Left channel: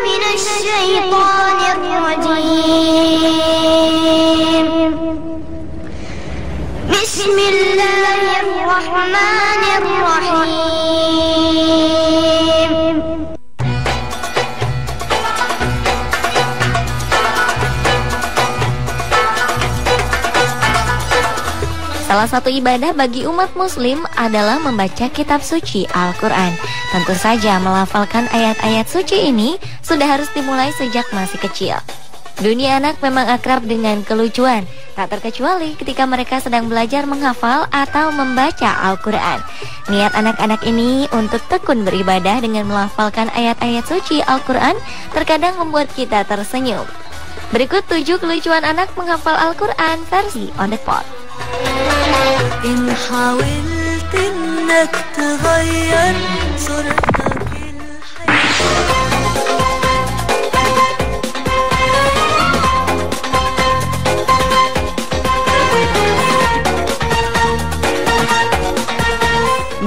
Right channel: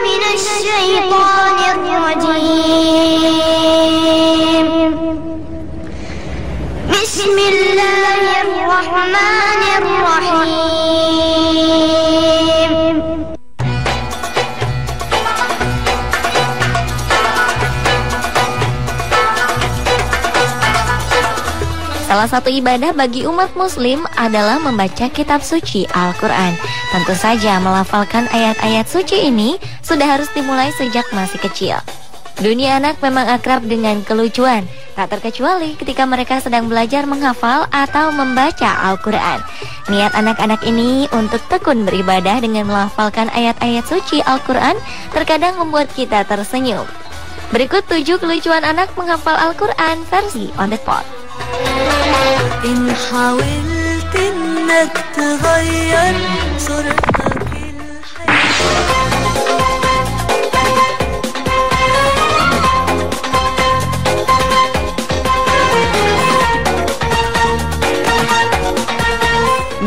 من الشيطان الرجيم بسم الله الرحمن الرحيم Salah satu ibadah bagi umat muslim adalah membaca kitab suci Al-Quran. Tentu saja melafalkan ayat-ayat suci ini sudah harus dimulai sejak masih kecil. Dunia anak memang akrab dengan kelucuan, tak terkecuali ketika mereka sedang belajar menghafal atau membaca Al-Quran. Niat anak-anak ini untuk tekun beribadah dengan melafalkan ayat-ayat suci Al-Quran terkadang membuat kita tersenyum. Berikut 7 kelucuan anak menghafal Al-Quran versi on the spot. إن حاولت إنك تغير صورتك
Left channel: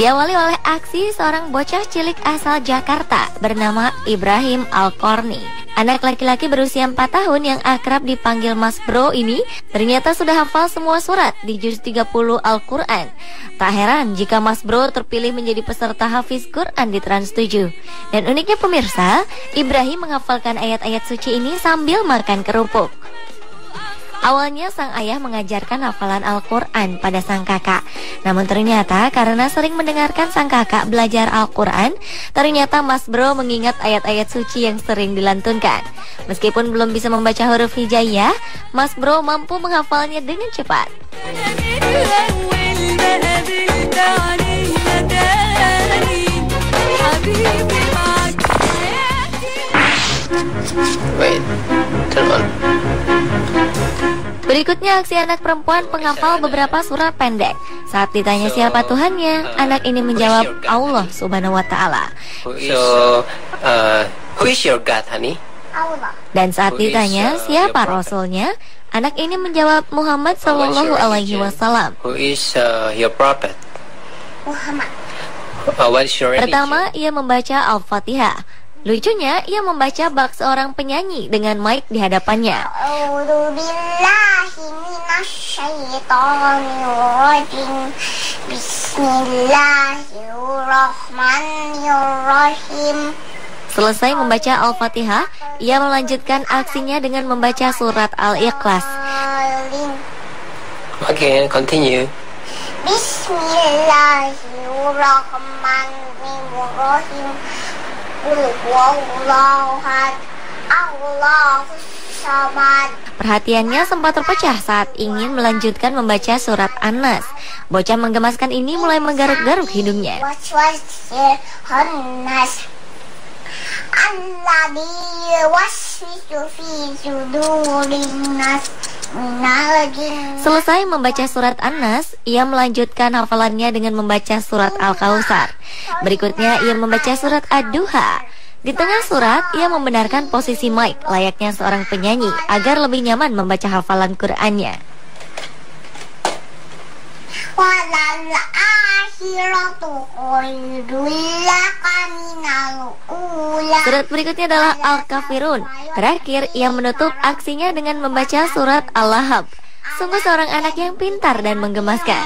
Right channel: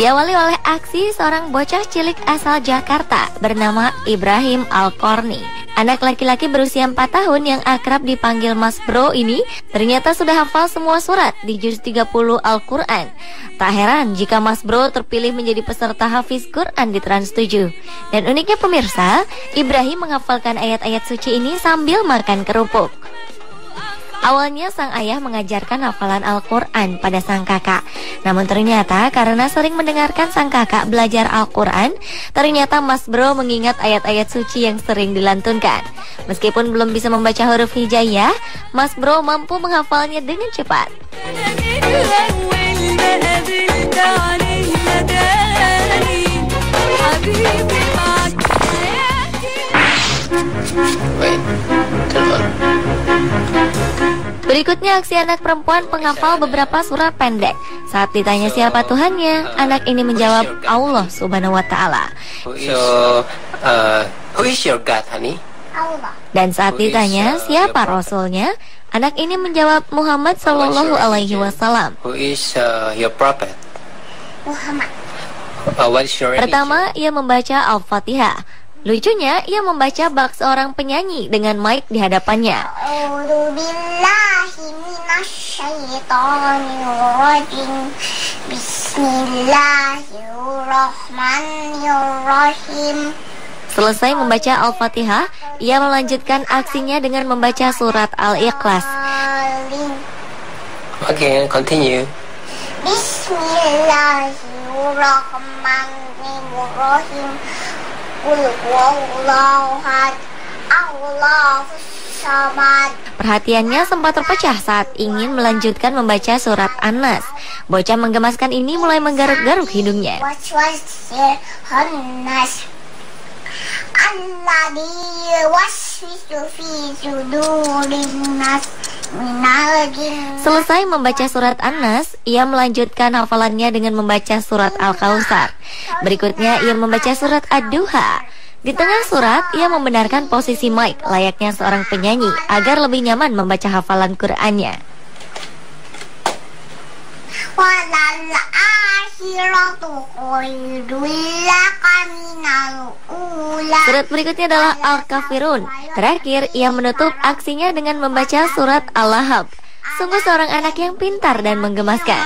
Diawali oleh aksi seorang bocah cilik asal Jakarta bernama Ibrahim Al-Korni. Anak laki-laki berusia 4 tahun yang akrab dipanggil Mas Bro ini ternyata sudah hafal semua surat di juz 30 Al-Quran. Tak heran jika Mas Bro terpilih menjadi peserta Hafiz Quran di Trans 7. Dan uniknya pemirsa, Ibrahim menghafalkan ayat-ayat suci ini sambil makan kerupuk. Awalnya sang ayah mengajarkan hafalan Al-Quran pada sang kakak. Namun ternyata karena sering mendengarkan sang kakak belajar Al-Quran, ternyata Mas Bro mengingat ayat-ayat suci yang sering dilantunkan. Meskipun belum bisa membaca huruf hijaiyah, Mas Bro mampu menghafalnya dengan cepat. Berikutnya aksi anak perempuan penghafal beberapa surat pendek. Saat ditanya siapa Tuhannya, anak ini menjawab Allah Subhanahu wa Ta'ala. Who is your God, honey? Dan saat ditanya siapa Rasulnya, anak ini menjawab Muhammad Sallallahu Alaihi Wasallam. Who is your prophet? Muhammad. What is your religion? Pertama, ia membaca Al-Fatihah. Lucunya, ia membaca bak seorang penyanyi dengan mic di hadapannya. A'udzubillahi minasyaitonirrajim. Bismillahirrahmanirrahim. Selesai membaca Al-Fatihah, ia melanjutkan aksinya dengan membaca surat Al-Ikhlas. Again, continue. Bismillahirrahmanirrahim. Perhatiannya sempat terpecah saat ingin melanjutkan membaca surat An-Nas. Bocah menggemaskan ini mulai menggaruk-garuk hidungnya. Selesai membaca surat An-Nas, ia melanjutkan hafalannya dengan membaca surat Al-Kautsar. Berikutnya ia membaca surat Ad-Duha. Di tengah surat, ia membenarkan posisi mic layaknya seorang penyanyi agar lebih nyaman membaca hafalan Qur'annya. Surat berikutnya adalah Al-Kafirun. Terakhir, ia menutup aksinya dengan membaca surat Al-Lahab. Sungguh seorang anak yang pintar dan menggemaskan.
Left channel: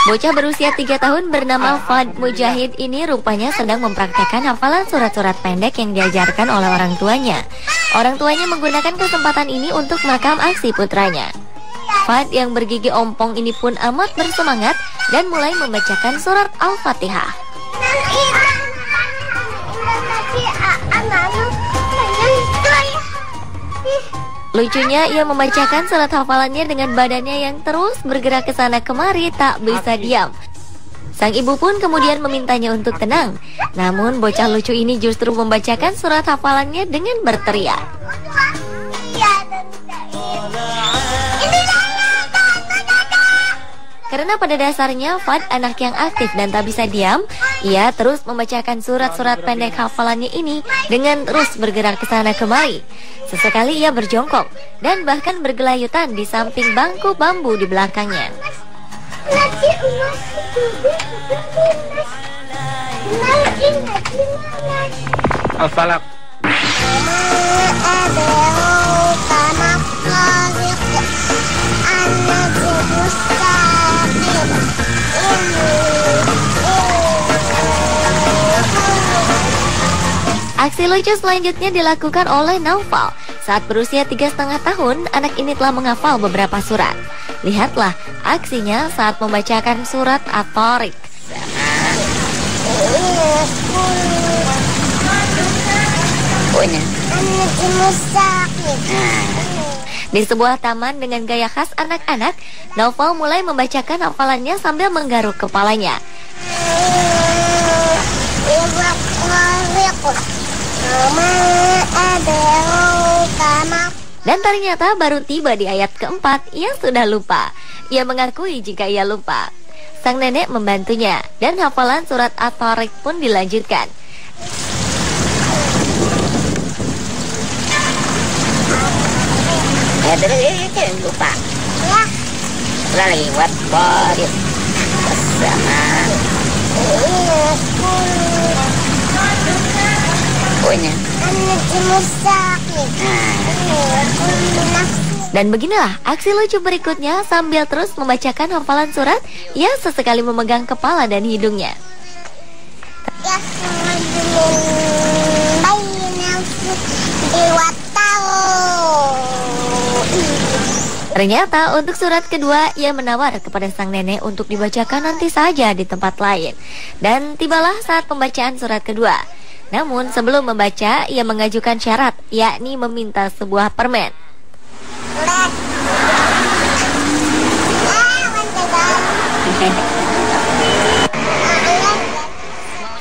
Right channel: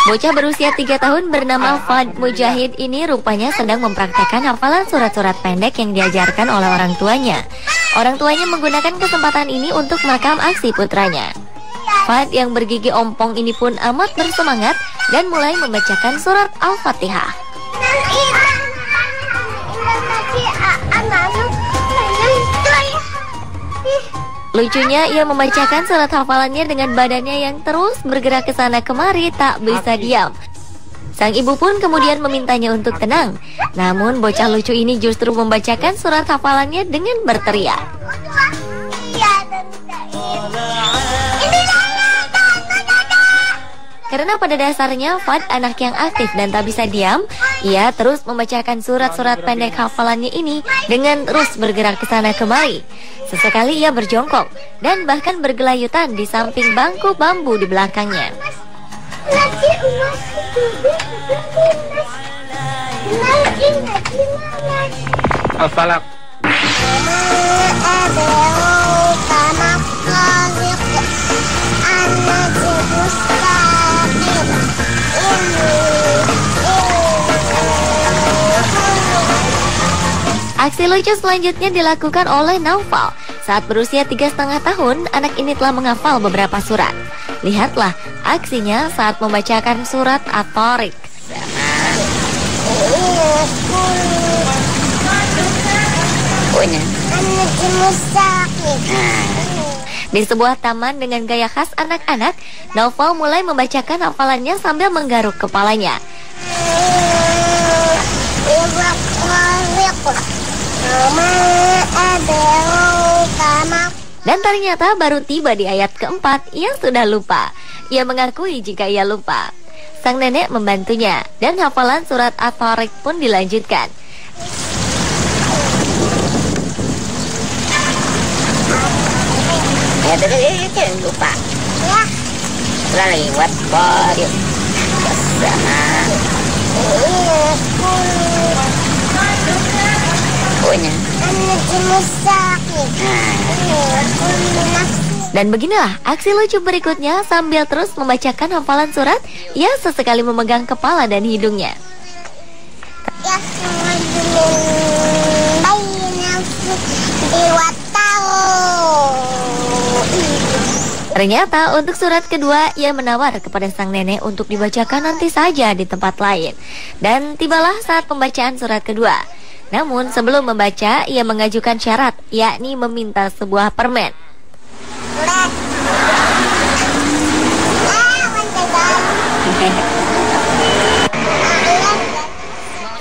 Bocah berusia 3 tahun bernama Fad Mujahid ini rupanya sedang mempraktekkan hafalan surat-surat pendek yang diajarkan oleh orang tuanya. Orang tuanya menggunakan kesempatan ini untuk makam aksi putranya. Fad yang bergigi ompong ini pun amat bersemangat dan mulai membacakan surat Al-Fatihah. Lucunya, ia membacakan surat hafalannya dengan badannya yang terus bergerak ke sana kemari, tak bisa diam. Sang ibu pun kemudian memintanya untuk tenang. Namun bocah lucu ini justru membacakan surat hafalannya dengan berteriak. Karena pada dasarnya Fad anak yang aktif dan tak bisa diam, Ia terus membacakan surat-surat pendek hafalannya ini dengan terus bergerak ke sana kemari. Sesekali ia berjongkok dan bahkan bergelayutan di samping bangku bambu di belakangnya. Al-Falaq. Aksi lucu selanjutnya dilakukan oleh Naufal. Saat berusia 3,5 tahun, anak ini telah menghafal beberapa surat. Lihatlah aksinya saat membacakan surat At-Tariq. Di sebuah taman dengan gaya khas anak-anak, Naufal mulai membacakan hafalannya sambil menggaruk kepalanya. Dan ternyata baru tiba di ayat keempat, ia sudah lupa. Ia mengakui jika ia lupa. Sang nenek membantunya, dan hafalan surat At-Tariq pun dilanjutkan. Jangan lupa. Lewat dari sama. Dan beginilah aksi lucu berikutnya sambil terus membacakan hafalan surat, ia sesekali memegang kepala dan hidungnya. Ternyata untuk surat kedua, ia menawar kepada sang nenek untuk dibacakan nanti saja di tempat lain. Dan tibalah saat pembacaan surat kedua. Namun sebelum membaca, ia mengajukan syarat, yakni meminta sebuah permen.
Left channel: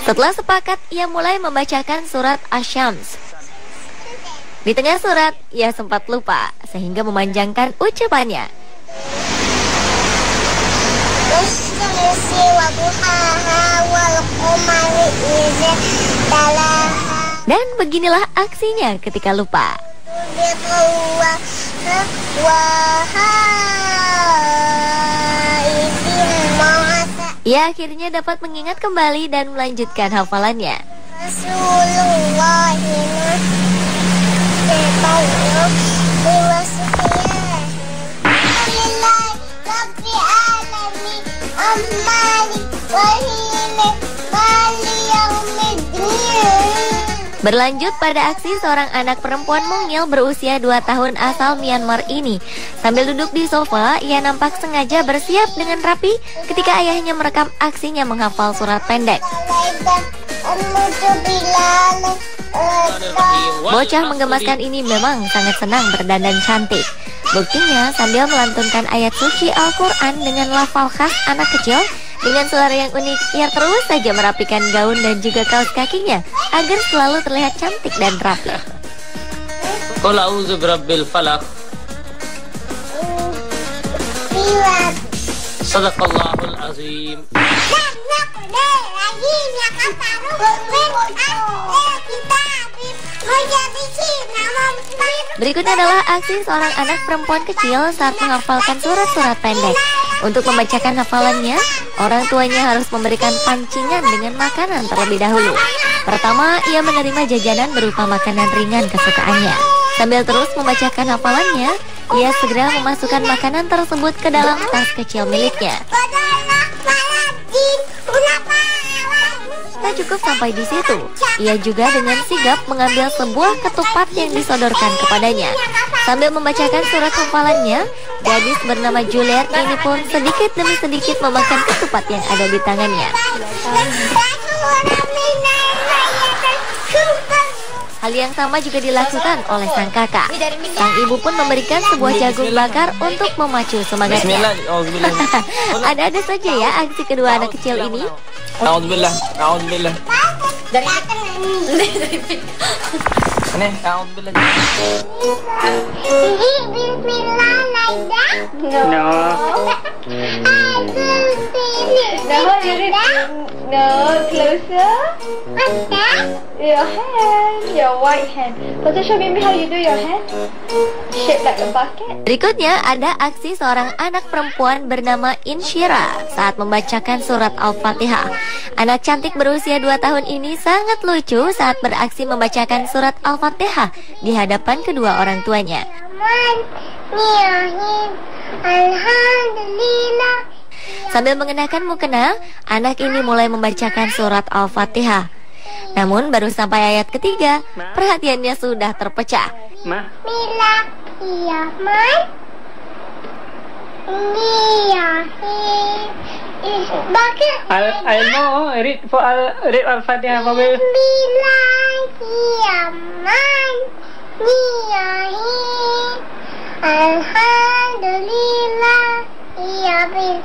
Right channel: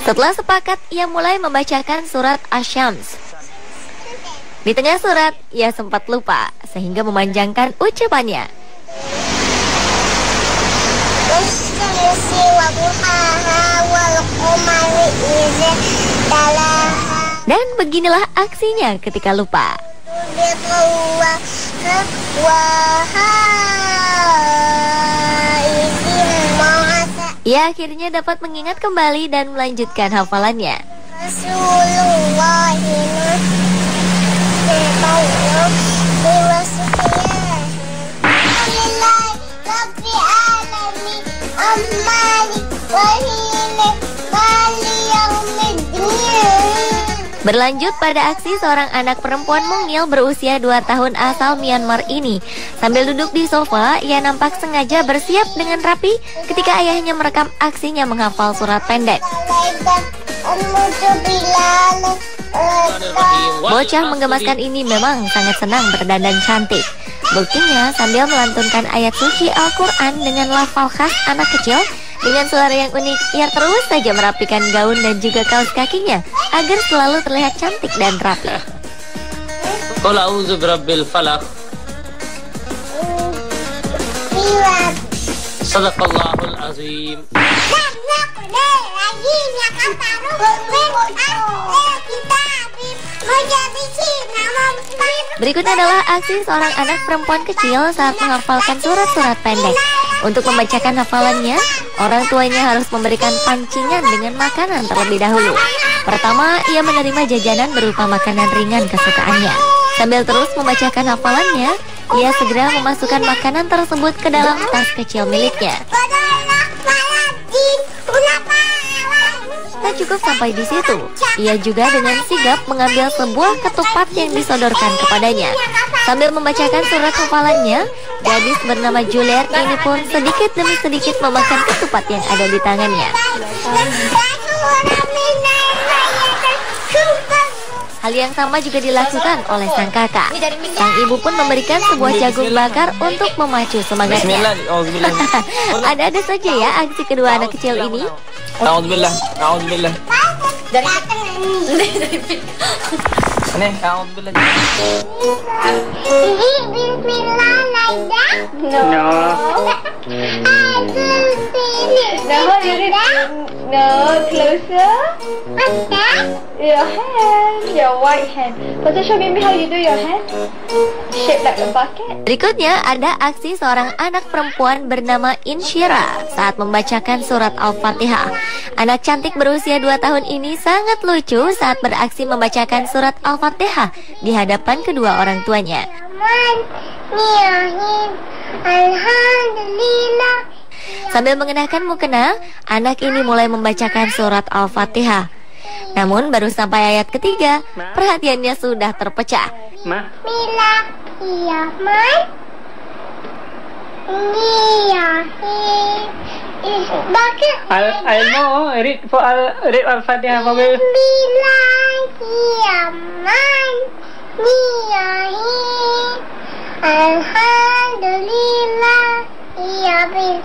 Setelah sepakat, ia mulai membacakan surat Asy-Syams. Di tengah surat, ia sempat lupa sehingga memanjangkan ucapannya. Dan beginilah aksinya ketika lupa. Ia akhirnya dapat mengingat kembali dan melanjutkan hafalannya. Berlanjut pada aksi seorang anak perempuan mungil berusia 2 tahun asal Myanmar ini. Sambil duduk di sofa, ia nampak sengaja bersiap dengan rapi ketika ayahnya merekam aksinya menghafal surat pendek. Bocah menggemaskan ini memang sangat senang berdandan cantik. Buktinya sambil melantunkan ayat suci Al-Quran dengan lafal khas anak kecil, dengan suara yang unik, ia terus saja merapikan gaun dan juga kaos kakinya agar selalu terlihat cantik dan rapi. Qul a'udzu birabbil falaq. Sadaqallahul azim. Berikutnya adalah aksi seorang anak perempuan kecil saat menghafalkan surat-surat pendek. Untuk membacakan hafalannya, orang tuanya harus memberikan pancingan dengan makanan terlebih dahulu. Pertama, ia menerima jajanan berupa makanan ringan kesukaannya. Sambil terus membacakan hafalannya, ia segera memasukkan makanan tersebut ke dalam tas kecil miliknya. Tak cukup sampai di situ, ia juga dengan sigap mengambil sebuah ketupat yang disodorkan kepadanya. Sambil membacakan surat hafalannya, gadis bernama Juliet ini pun sedikit demi sedikit memakan ketupat yang ada di tangannya. Hal yang sama juga dilakukan oleh sang kakak. Sang ibu pun memberikan sebuah jagung bakar untuk memacu semangatnya. Ada-ada saja ya aksi kedua anak kecil ini. A'udzubillah. A'udzubillah. No, closer. Your hand, your right hand. Pastor, show me how you do your hand. Shape like a bucket. Berikutnya ada aksi seorang anak perempuan bernama Insyira saat membacakan surat Al-Fatihah. Anak cantik berusia 2 tahun ini sangat lucu saat beraksi membacakan surat Al-Fatihah di hadapan kedua orang tuanya. Alhamdulillah. Sambil mengenakan mukena, anak ini mulai membacakan surat Al-Fatihah. Namun baru sampai ayat ketiga, perhatiannya sudah terpecah. Bila iya mai iya bucket. I know. Read Al-Fatihah for me. Bila iya mai iya alhamdulillah iya bil.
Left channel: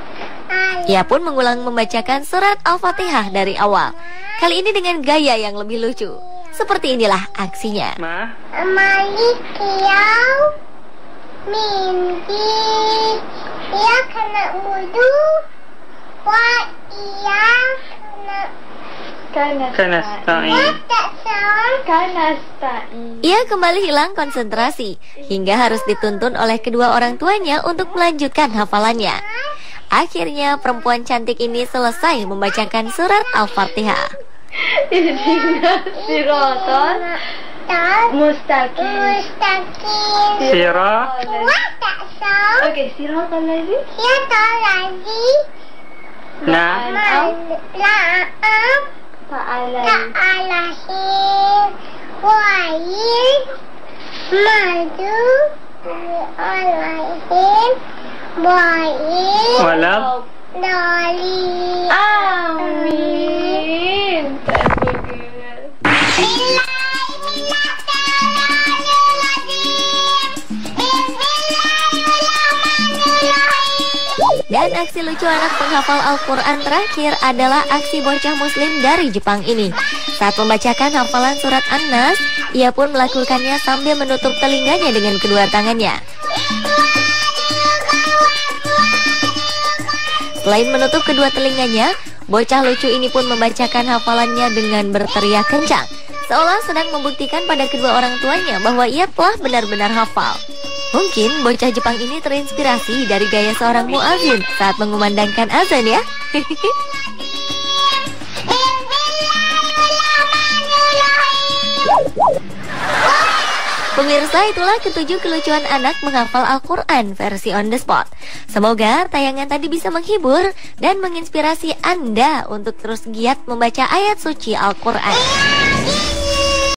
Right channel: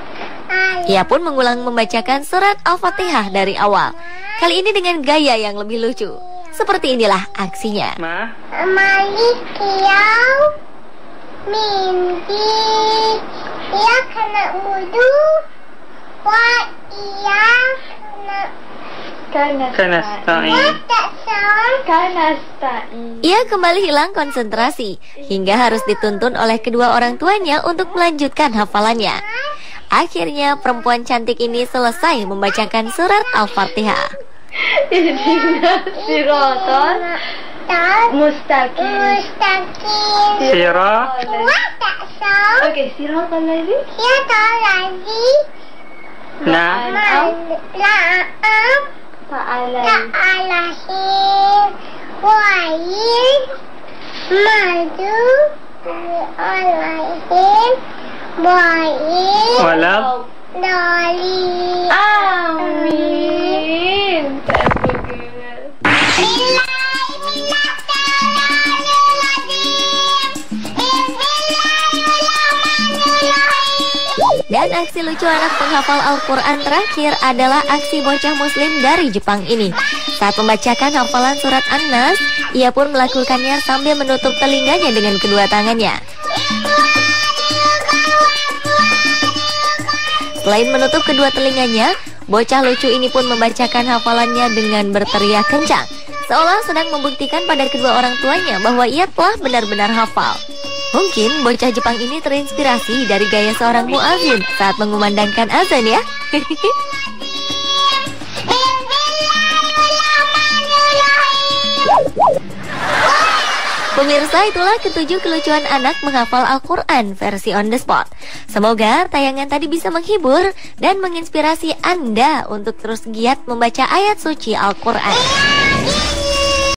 Ia pun mengulang membacakan surat Al-Fatihah dari awal. Kali ini dengan gaya yang lebih lucu. Seperti inilah aksinya. Malik yau mimpi ya kena wudu wa iya Ia kembali hilang konsentrasi hingga harus dituntun oleh kedua orang tuanya untuk melanjutkan hafalannya. Akhirnya perempuan cantik ini selesai membacakan surat Al-Fatihah. Siratal mustaqim. Sirah. Okay, siratal lagi. Ya lagi. Nah. Ta'alahin wa'in maju alahin wa'in Walak. dolin. Amin. Dan aksi lucu anak penghafal Al-Quran terakhir adalah aksi bocah muslim dari Jepang ini. Saat membacakan hafalan surat An-Nas, ia pun melakukannya sambil menutup telinganya dengan kedua tangannya. Selain menutup kedua telinganya, bocah lucu ini pun membacakan hafalannya dengan berteriak kencang, seolah sedang membuktikan pada kedua orang tuanya bahwa ia telah benar-benar hafal. Mungkin bocah Jepang ini terinspirasi dari gaya seorang muadzin saat mengumandangkan azan ya. Pemirsa, itulah ketujuh kelucuan anak menghafal Al-Quran versi on the spot. Semoga tayangan tadi bisa menghibur dan menginspirasi Anda untuk terus giat membaca ayat suci Al-Quran.